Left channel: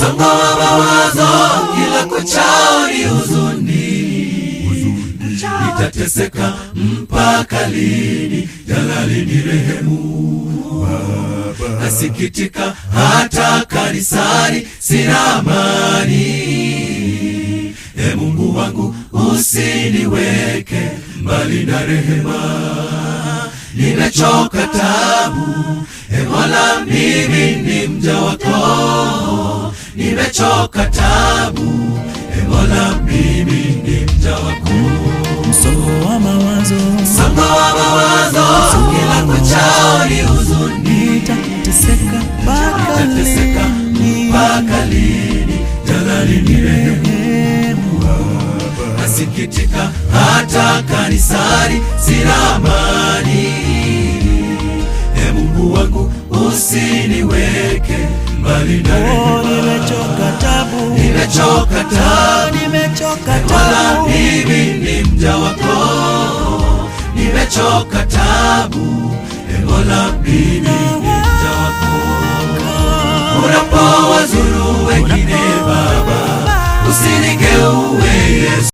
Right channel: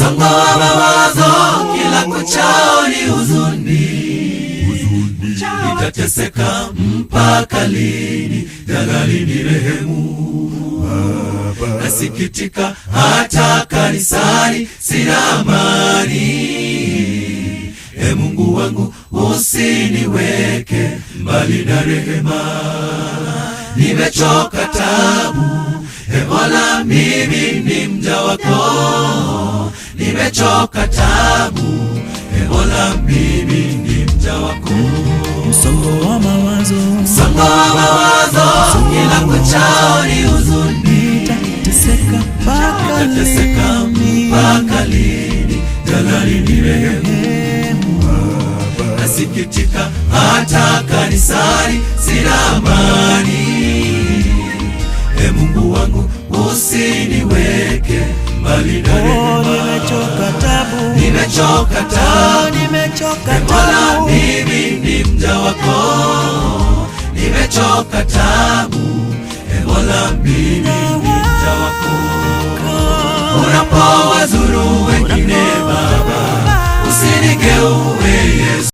msongo wa mawazo kila kuchao ni huzuni. Nitateseka mpaka lini? Jalali nirehemu. Nasikitika hata kanisani sina amani. E Mungu wangu usiniweke mbali na rehema. Nimechoka tabu, e Mola mimi ni mja wako. Nimechoka tabu, e Mola mimi ni mja wako. Msongo wa mawazo, kila kuchao ni huzuni. Nitateseka mpaka lini? Jalali nirehemu. Nasikitika hata kanisani sina amani. E Mungu wangu usiniweke mbali na rehema. Nimechoka tabu, nimechoka tabu. Mimi ni mja wako. Nimechoka tabu, e Mola mimi ni mja wako. Unapowazuru wengine